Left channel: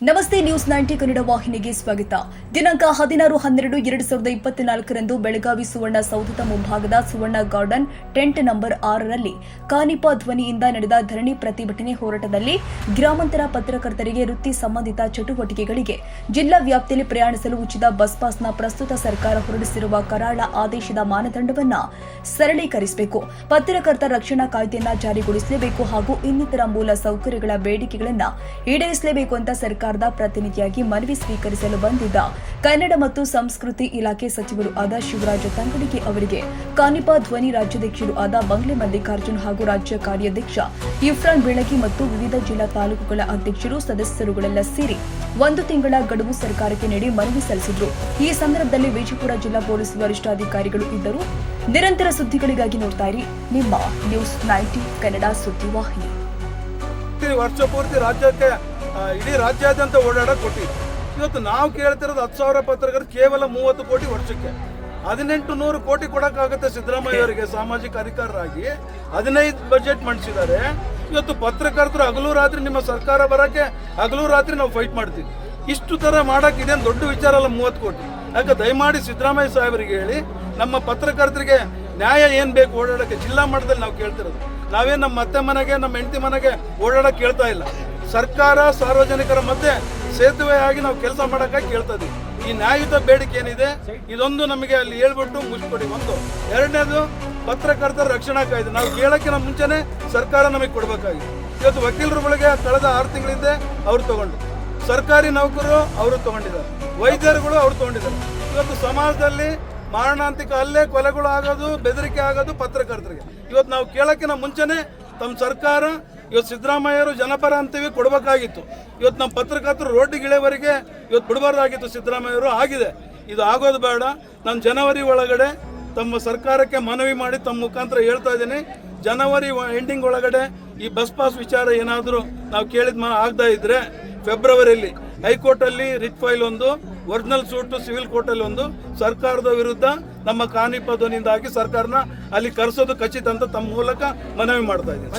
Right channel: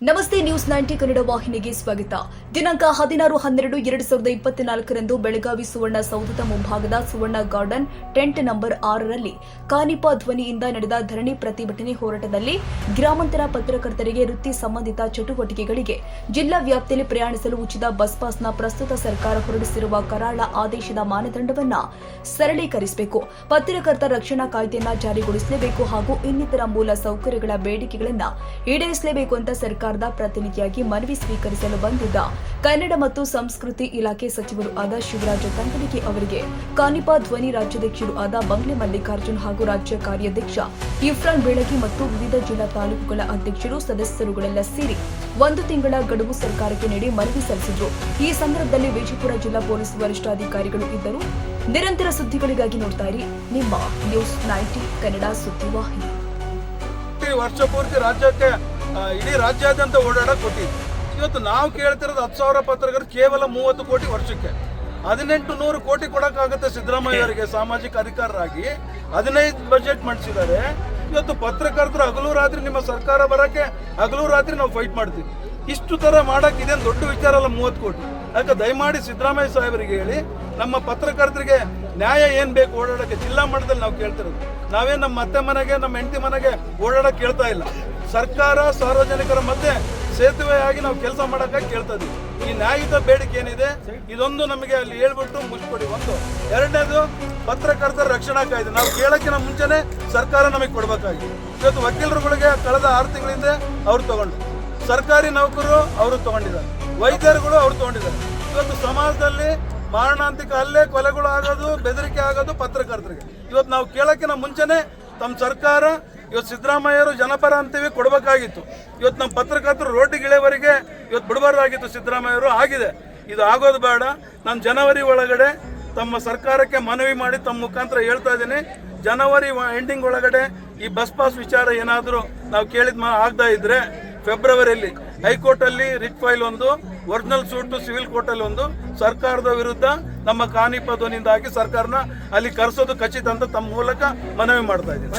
ನಮಸ್ತೆ ನ್ಯೂಸ್ 90 ಕನ್ನಡ ವಾಹಿನಿಗೆ ಸ್ವಾಗತ. ದಿನಾಂಕ 16-12-2024ರಂದು ಬೆಳಗಾವಿ ಸುವರ್ಣ ಸೌಧದ ಮುಂಭಾಗದ ಸುವರ್ಣ ಗಾರ್ಡನ್ ಟೆಂಟ್ ನಂಬರ್ 6ರಲ್ಲಿ ಕಾನಿಪ ಧ್ವನಿಯಿಂದ ನಡೆದ ಧರಣಿ ಪ್ರತಿಭಟನೆ ಹೋರಾಟದಲ್ಲಿ ಗ್ರಾಮಾಂತರ ಪತ್ರಕರ್ತರಿಗೆ ವೃತ್ತಿ ಸಂಬಂಧಿತ ಚಟುವಟಿಕೆಗಳಿಗೆ ಜಿಲ್ಲಾ ವ್ಯಾಪ್ತಿಯಲ್ಲಿ ಪ್ರಯಾಣಿಸಲು ಉಚಿತ ಬಸ್ ಪಾಸ್ನ ಪ್ರಸ್ತುತ ಸರ್ಕಾರ ಹೊರಡಿಸಿರುವ ಕರಾಳ ಆದೇಶದ ಮಾನದಂಡವನ್ನು ಸರಳೀಕರಿಸಬೇಕು, ಪತ್ರಕರ್ತರ ರಕ್ಷಣಾ ಕಾಯ್ದೆಯನ್ನು ಜಾರಿಗೊಳಿಸಲೇಬೇಕು ಹಾಗೂ ಇನ್ನಿತರ ಮೂಲ ಸೌಕರ್ಯಗಳ ಬೇಡಿಕೆಗಳನ್ನು ಈಡೇರಿಸಲೇಬೇಕು ಅಂತ ಸರ್ಕಾರದ ಪ್ರತಿನಿಧಿಯಾಗಿ ಮನವಿ ಸ್ವೀಕರಿಸಲು ಬಂದಿದ್ದ ಕನ್ನಡ ಮತ್ತು ಸಂಸ್ಕೃತಿ ಇಲಾಖೆ ಸಚಿವರು ಆದ ಶಿವರಾಜ ತಂಗಡಗಿ ಅವರಿಗೆ ಕಾನಿಪ ಧ್ವನಿ ರಾಜ್ಯಾಧ್ಯಕ್ಷರು ಆದ ಬಂಗ್ಲೆ ಮಲ್ಲಿಕಾರ್ಜುನ್ ಹಾಗೂ ರಾಜ್ಯ ಕಾರ್ಯಾಧ್ಯಕ್ಷ ಇಫ್ರಾನ್ ಬೆಳಗಿ ಮತ್ತು ವಿವಿಧ ಜಿಲ್ಲಾ ತಾಲೂಕುಗಳ ಅಧ್ಯಕ್ಷರು ಸದಸ್ಯರುಗಳೆಲ್ಲ ಸೇರಿ 1 ತಿಂಗಳ ಗಡುವು ಸರ್ಕಾರಕ್ಕೆ ನೀಡಿ ಮನವಿ ಸಲ್ಲಿಸಿದರು. ಈ ಸಂದರ್ಭದಲ್ಲಿ ವಿಜಯಪುರ ಜಿಲ್ಲಾ ಪೊಲೀಸ್ ವರಿಷ್ಠಾಧಿಕಾರಿಗಳು ಇದ್ದರು. ನಿರಂತರ ಸುದ್ದಿಗಳಿಗಾಗಿ ನೋಡ್ತಾ ಇರಿ ನಿಮ್ಮ ನ್ಯೂಸ್ 90 ಕನ್ನಡ ಸುದ್ದಿವಾಹಿನಿ. ವರ್ಷ ಪೂರ್ತಿ ರಾಜ್ಯಕ್ಕೆ ಇಡೀ ರಾಜ್ಯಾದ್ಯಂತ ಓಡಾಡಕ್ಕೆ ಕೊಟ್ಟಿದ್ದು. ಇವತ್ತು ನಾವು ಕೇಳ್ತಿರೋದು 10,000 ಪತ್ರಕರ್ತರು ಕೇವಲ 30 ಕೋಟಿ ವರ್ಷಕ್ಕೆ 1800 ಕೋಟಿ ಕೊಡೋಕ್ಕಾಗುತ್ತೆ. ಸಿದ್ದರಾಮಯ್ಯ ಅವರಿಗೆ ಸಾಮಾಜಿಕ ಅಧಿಕಾರರಾಗಿ 15 ಬಜೆಟ್ ಮಂಡಿಸಿದ್ದಾರೆ. ಇವತ್ತು ಪತ್ರಕರ್ತರು ಹಗಲು ರಾತ್ರಿ ನಿಮ್ಮ ಸರ್ಕಾರ ಬರೋಕ್ಕೆ ಹಗಲು ರಾತ್ರಿ ನಾವು ಫೈಟ್ ಮಾಡ್ತೀವಿ. ಇಷ್ಟು ಥರ ಮಾಡೋಕೆ ಇದೇನು ದೊಡ್ಡ ವಿಚಾರ ಅಲ್ಲ 30 ಕೋಟಿ. ಅದಕ್ಕೆ ದಯಮಾಡಿ ಸಿದ್ದರಾಮಯ್ಯ ಸಾಹೇಬರಿಗೆ ಹೇಳಿ, ನಮ್ಮ ಪತ್ರಕರ್ತರಿಗೆ ನ್ಯಾಯ ಏನು ಬೇಕು ಓಡಾಡೋಕ್ಕೆ ಜಿಲ್ಲಾ ಮಟ್ಟದಲ್ಲಿ ನಾವು ಕೇಳ್ತಿರೋದು. ನಾವೇನು ನಮ್ಮ ಅತ್ತೆ ಮನೆಗೆ ನಮ್ಮ ಹೆಂಡತಿ ಮನೆಗೆ ಓಡಾಡೋಕೆ ಕೇಳ್ತಾ ಇಲ್ಲ. ಸರ್ಕಾರ ಸಾರ್ವಜನಿಕರ ಮಧ್ಯೆ ಸೇತುವೆ ಆಗಿ ನಾವು ಕೆಲಸ ಮಾಡೋಕ್ಕಾಗಿ ಕೇಳ್ತಾ ಇದ್ದೀವಿ. ಈ ನ್ಯಾಯಯುತ ಬೇಡಿಕೆ ಏನಿದೆ ಇದೊಂದು ನಮಗೆ ಅಲ್ಲಿ ಹೇಳ್ಬಿಟ್ಟು ಮುಗಿಸ್ಕೊಡಿ. ಒಂದು. ಎರಡನೇದು ಪತ್ರಕರ್ತರ ರಕ್ಷಣಾ ಕಾಯ್ದೆ ನಾವು ಕೇಳೋಕ್ಕಿಂತ ಮುಂಚೆನೇ ಸರ್ಕಾರ ನಮಗೆ ಕೊಡಬೇಕಾಗಿದೆ. ಇವತ್ತು ವಕೀಲರುಗಳಿಗೆ ಕಳೆದ 6 ತಿಂಗಳಿಂದ ಅವ್ರು ತಗೊಂಡು, ಸರ್ಕಾರಿ ನೌಕರರು ಅವರು ತಗೊಂಡಿದ್ದಾರೆ, ವೈದ್ಯರುಗಳು ಅವ್ರು ತಗೊಂಡಿದ್ದಾರೆ. ಇವತ್ತು ಸಮಾಜದಲ್ಲಿ ಮಾರಣಾಂತಿಕ ಹಲ್ಲೆ ಕೊಲೆಗಳು ಆಗೋದು, ಬೆದರಿಕೆ ಆಗೋದು ಪತ್ರಕರ್ತರಿಗೆ. ಇವತ್ತು ನಾವು ಕೇಳೋಕ್ಕಿಂತ ಮುಂಚೆನೇ ತಮ್ಮ ಸರ್ಕಾರ ಇವತ್ತು ಸಿದ್ದರಾಮಯ್ಯರು ಜನಪರ ಅಂತೀವಿ ಕೊಡಬೇಕಾಗಿತ್ತು. ಇವತ್ತು ನಮ್ಮ ಪತ್ರಕರ್ತರು ರೋಟಿಗಿಳೆವರೆಗೆ ಇವತ್ತು ಬಿಡಬಾರ್ದಾಗಿತ್ತು ಸಿದ್ದರಾಮಯ್ಯರು. ಆಗಿದೆ, ಇದು ಆಗೋದು ಬೇಡ. ನಾನು ಜನವರಿ ಒಳಗಡೆ ತಮ್ಮ ಸರ್ಕಾರಕ್ಕೆ ಮನವಿ ಮಾಡಿ ತಮ್ಮ ಮುಖಾಂತರ ಹೇಳ್ತಾ ಇದ್ದೀನಿ, ಜನವರಿ ಎಂಡಿಂಗ್ ಒಳಗಡೆ ಈ ಬಸ್ ಪಾಸ್ ವಿಚಾರ ಏನಾದರೂ ನಾವು ಕೇಳಿದ ಆಗದೇ ಇದ್ರೆ ಫೆಬ್ರವರಿಯಲ್ಲಿ ಹೈಕೋರ್ಟಲ್ಲಿ ರಿಟ್ ಫೈಲ್ ಒಂದು, ಒರಿಜಿನಲ್ ಸೂಟು ಸಿವಿಲ್ ಕೋರ್ಟಲ್ಲಿ ಒಂದು, ಸರ್ಕಾರದ ವಿರುದ್ಧ ನಮ್ಮ ಕಾನಿಪ ಧ್ವನಿಯಿಂದ ಹಾಕಿ ಸರ್ಕಾರನ ಅಲ್ಲಿ ಕರೆಸೋದು ಖಚಿತ ಅಂತ ತಮ್ಮ ಮೂಲಕ ಮನವಿ ಮಾಡ್ತಾ ಇದ್ದೀನಿ.